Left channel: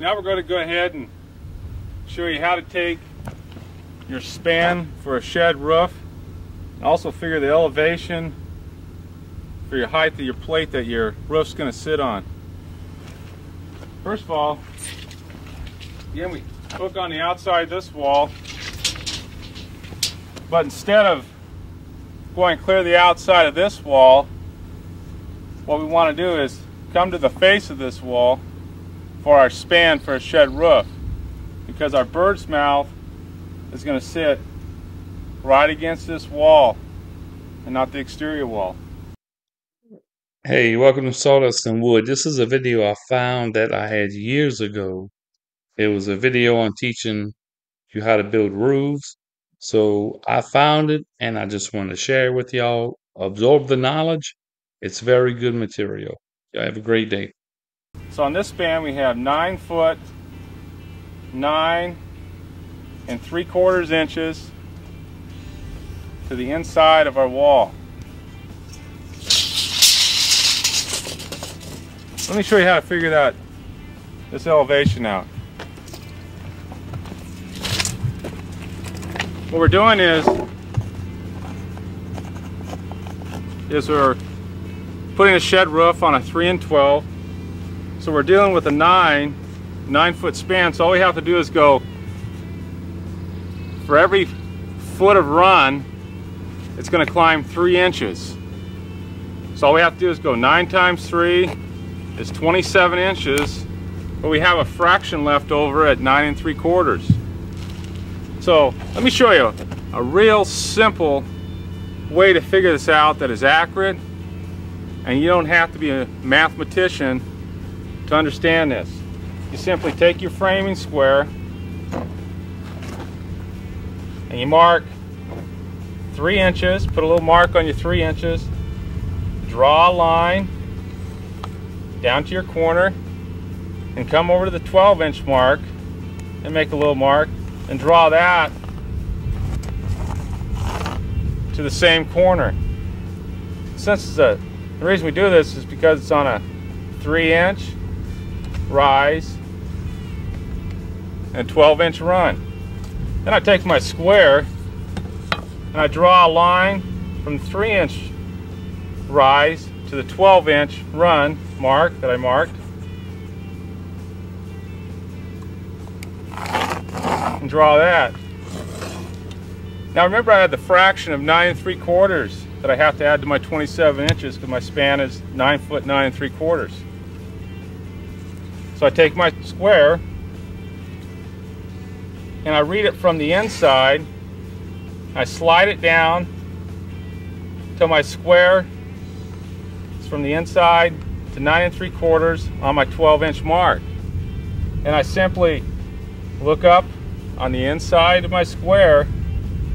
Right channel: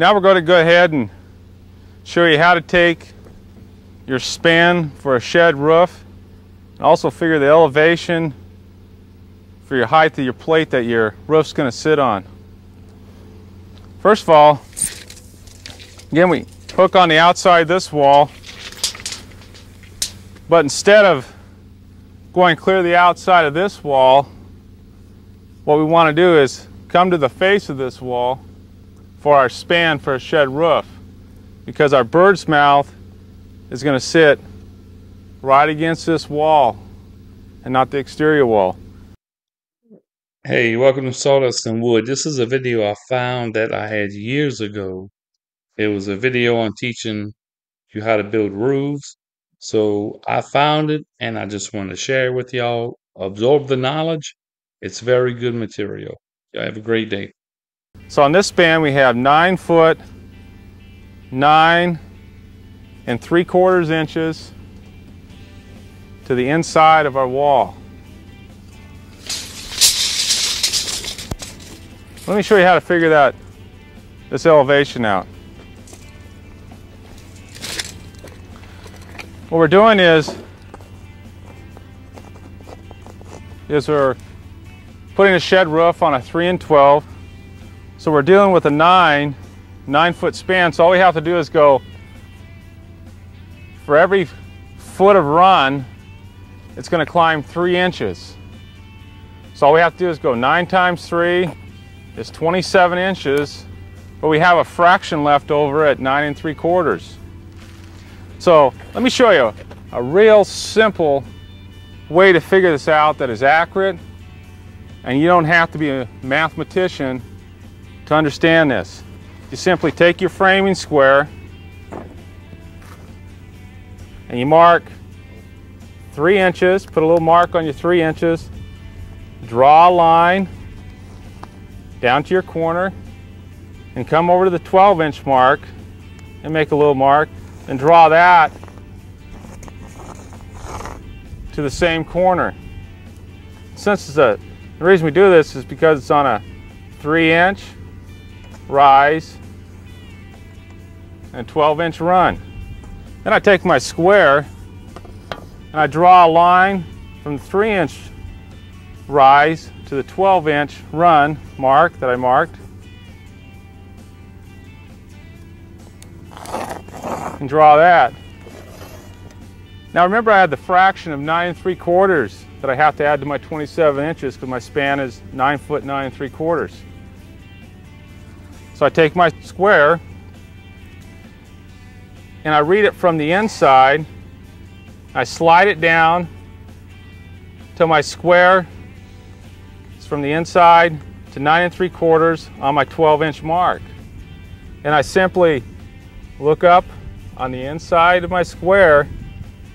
Now we're going to go ahead and show you how to take your span for a shed roof and also figure the elevation for your height of your plate that your roof's going to sit on. First of all, again, we hook on the outside of this wall, but instead of going clear the outside of this wall, what we want to do is come to the face of this wall for our span for a shed roof, because our bird's mouth is going to sit right against this wall and not the exterior wall. Hey, welcome to Sawdust and Wood. This is a video I found that I had years ago. It was a video on teaching you how to build roofs. So I found it and I just want to share it with y'all. Absorb the knowledge. It's very good material. Y'all have a great day. So on this span we have 9 foot 9 3/4 inches to the inside of our wall. Let me show you how to figure this elevation out. What we're doing is we're putting a shed roof on a 3 and 12. So we're dealing with a 9 foot span. So all we have to do is go, for every foot of run, it's going to climb 3 inches. So all we have to do is go 9 times 3 is 27 inches, but we have a fraction left over at 9 3/4. So let me show you a real simple way to figure this out that is accurate, and you don't have to be a mathematician to understand this. You simply take your framing square and you mark 3 inches, put a little mark on your 3 inches, draw a line down to your corner, and come over to the 12-inch mark and make a little mark, and draw that to the same corner. Since the reason we do this is because it's on a 3-inch rise and 12-inch run. Then I take my square and I draw a line from the 3-inch rise to the 12-inch run mark that I marked, and draw that. Now remember, I had the fraction of 9 3/4 that I have to add to my 27 inches because my span is 9 foot 9 3/4. So I take my square and I read it from the inside. I slide it down till my square is from the inside to 9 3/4 on my 12-inch mark. And I simply look up on the inside of my square,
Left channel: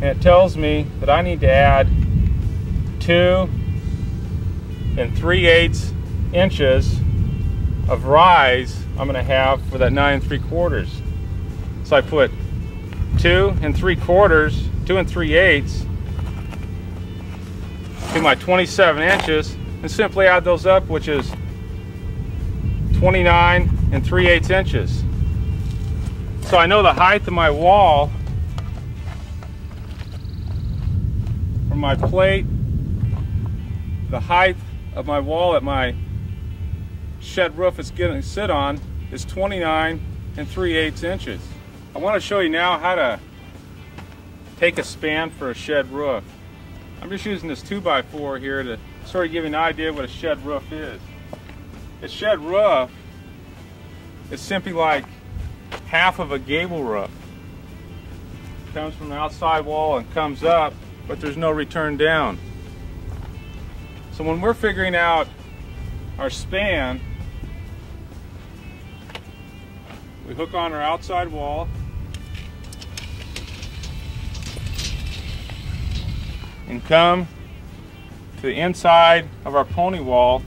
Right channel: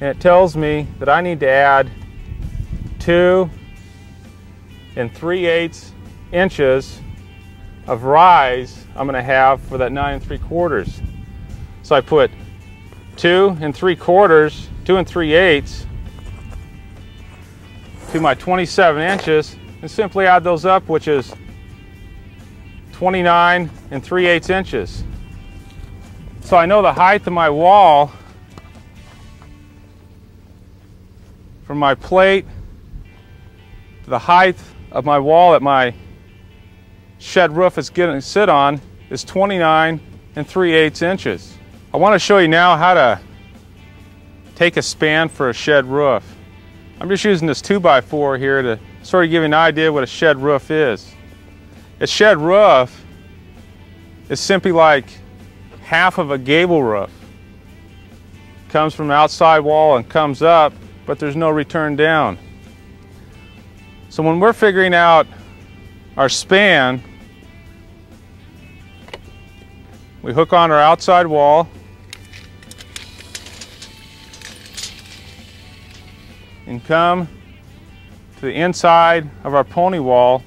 and it tells me that I need to add 2 3/8 inches of rise I'm going to have for that 9 3/4. So I put 2 3/4, 2 3/8 to my 27 inches and simply add those up, which is 29 3/8 inches. So I know the height of my wall from my plate, the height of my wall that my shed roof is going to sit on is 29 3/8 inches. I want to show you now how to take a span for a shed roof. I'm just using this 2x4 here to sort of give you an idea what a shed roof is. A shed roof is simply like half of a gable roof. Comes from the outside wall and comes up, but there's no return down. So when we're figuring out our span, we hook on our outside wall and come to the inside of our pony wall,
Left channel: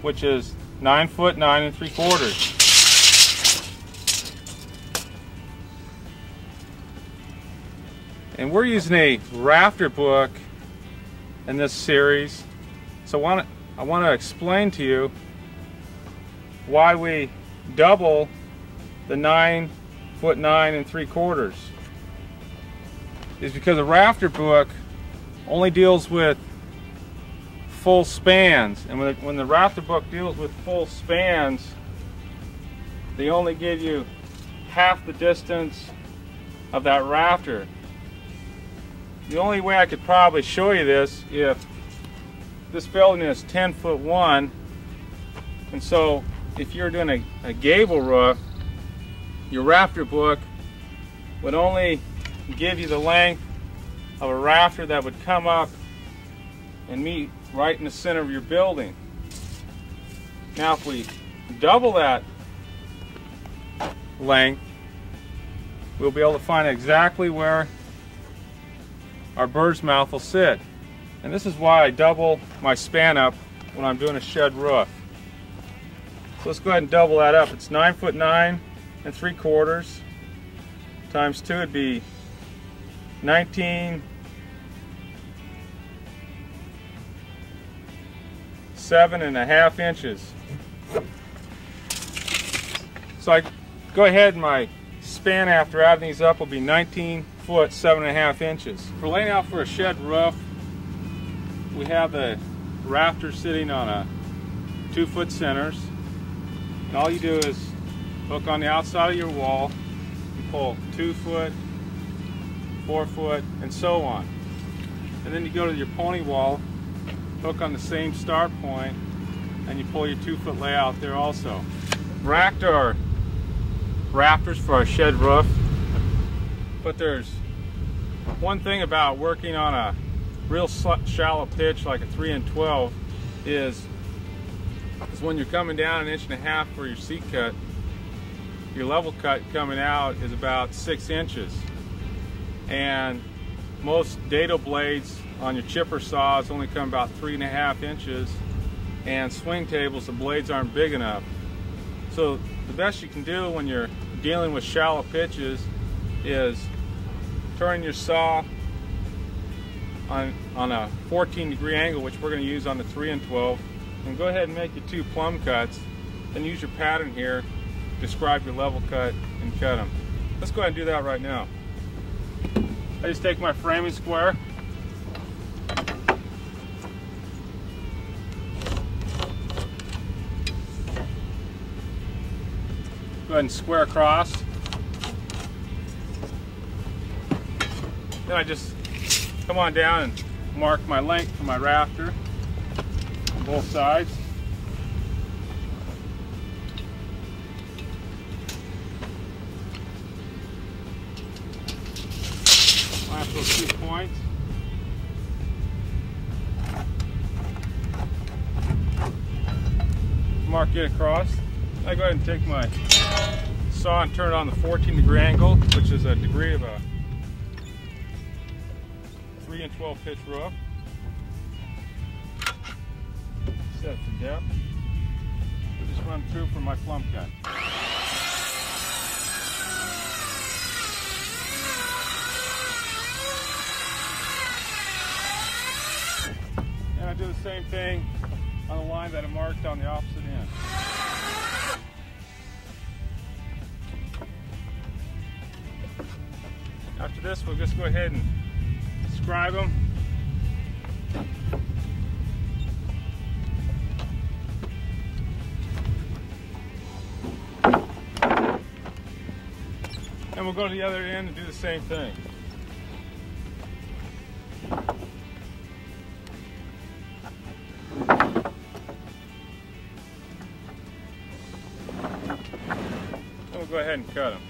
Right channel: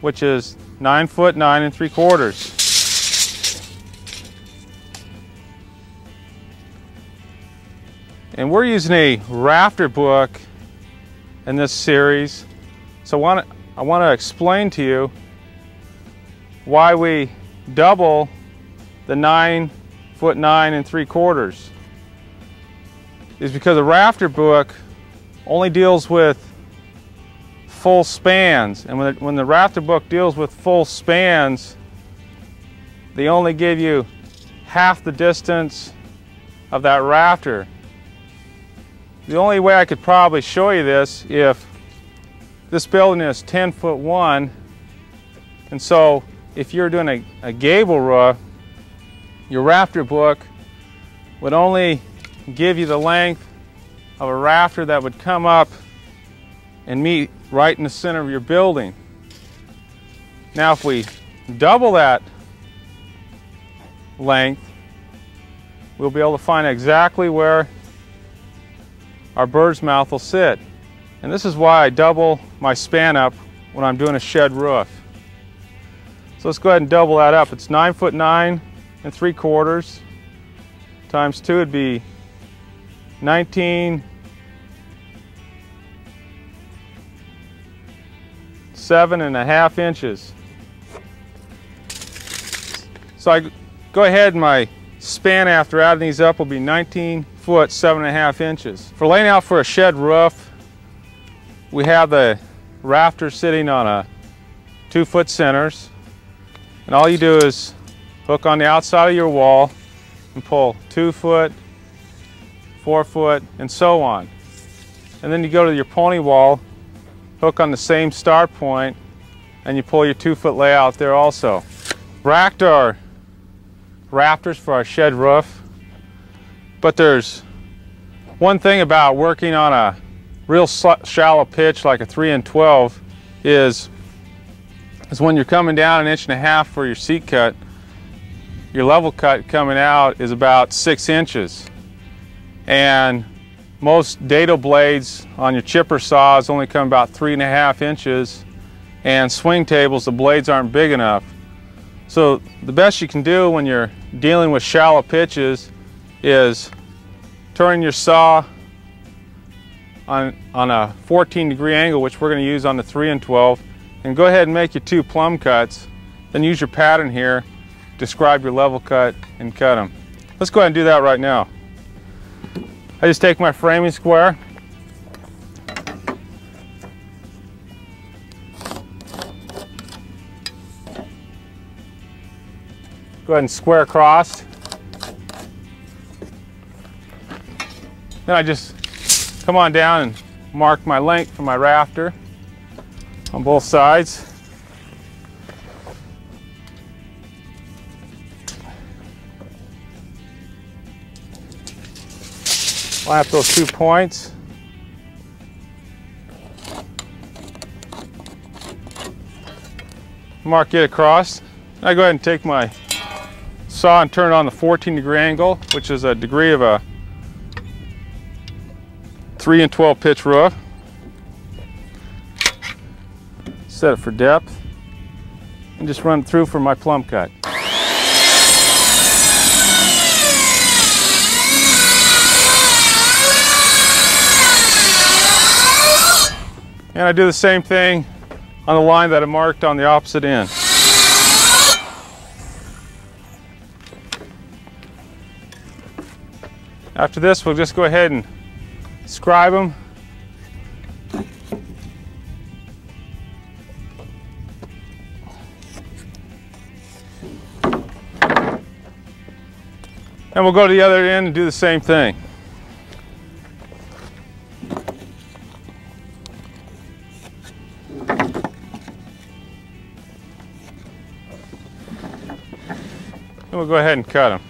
which is 9 foot 9 3/4. And we're using a Rafter book in this series, so I want to explain to you why we double the 9'9" 3/4 is because the Rafter book only deals with full spans, and when the Rafter book deals with full spans, they only give you half the distance of that rafter. The only way I could probably show you this, if this building is 10'1", and so if you're doing a gable roof, your Rafter book would only give you the length of a rafter that would come up and meet right in the center of your building. Now if we double that length, we'll be able to find exactly where our bird's mouth will sit. And this is why I double my span up when I'm doing a shed roof. So let's go ahead and double that up. It's 9'9" 3/4 times 2 would be 19 7.5 inches. So I go ahead and my span after adding these up will be 19 foot 7.5 inches. For laying out for a shed roof, we have the rafter sitting on a 2-foot centers, and all you do is hook on the outside of your wall and pull 2 foot, 4 foot, and so on. And then you go to your pony wall, hook on the same start point, and you pull your 2-foot layout there also. Rafter are rafters for our shed roof, but there's one thing about working on a real shallow pitch like a 3-12 is when you're coming down 1.5 inches for your seat cut, your level cut coming out is about 6 inches. And most dado blades on your chipper saws only come about 3.5 inches, and swing tables, the blades aren't big enough. So the best you can do when you're dealing with shallow pitches is turn your saw on a 14-degree angle, which we're going to use on the 3-12, and go ahead and make your 2 plumb cuts. Then use your pattern here, describe your level cut, and cut them. Let's go ahead and do that right now. I just take my framing square, go ahead and square across. Then I just come on down and mark my length for my rafter on both sides. Line up those 2 points. Mark it across. I go ahead and take my saw and turn it on the 14-degree angle, which is a degree of a 3-12 pitch roof. Set it for depth and just run through for my plumb cut. And I do the same thing on the line that I marked on the opposite end. After this, we'll just go ahead and scribe them. And we'll go to the other end and do the same thing. And we'll go ahead and cut them.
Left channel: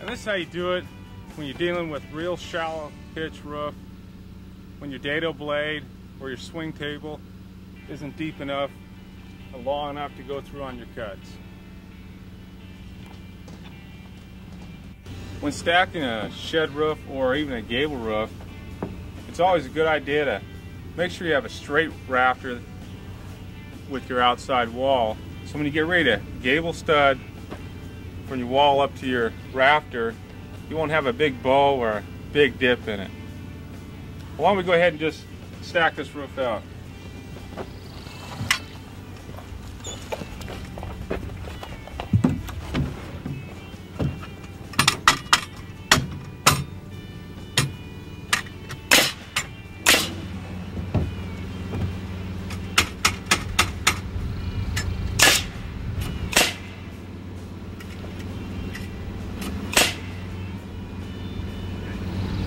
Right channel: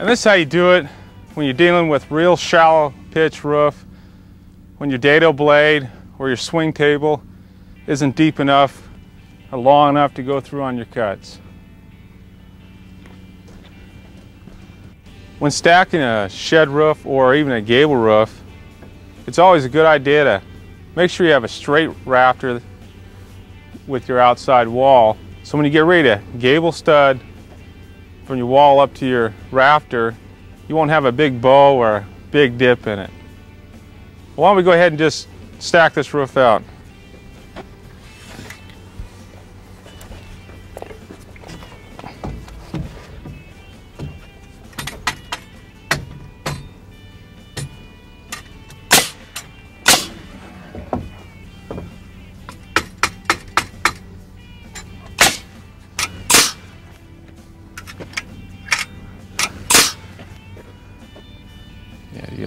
And this is how you do it when you're dealing with real shallow pitch roof, when your dado blade or your swing table isn't deep enough, long enough to go through on your cuts. When stacking a shed roof or even a gable roof, it's always a good idea to make sure you have a straight rafter with your outside wall. So when you get ready to gable stud from your wall up to your rafter, you won't have a big bow or a big dip in it. Why don't we go ahead and just stack this roof out.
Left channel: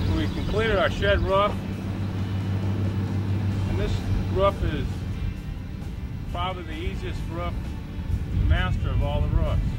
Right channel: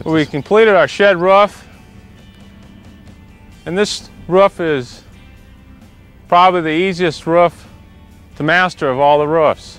We completed our shed roof, and this roof is probably the easiest roof to master of all the roofs.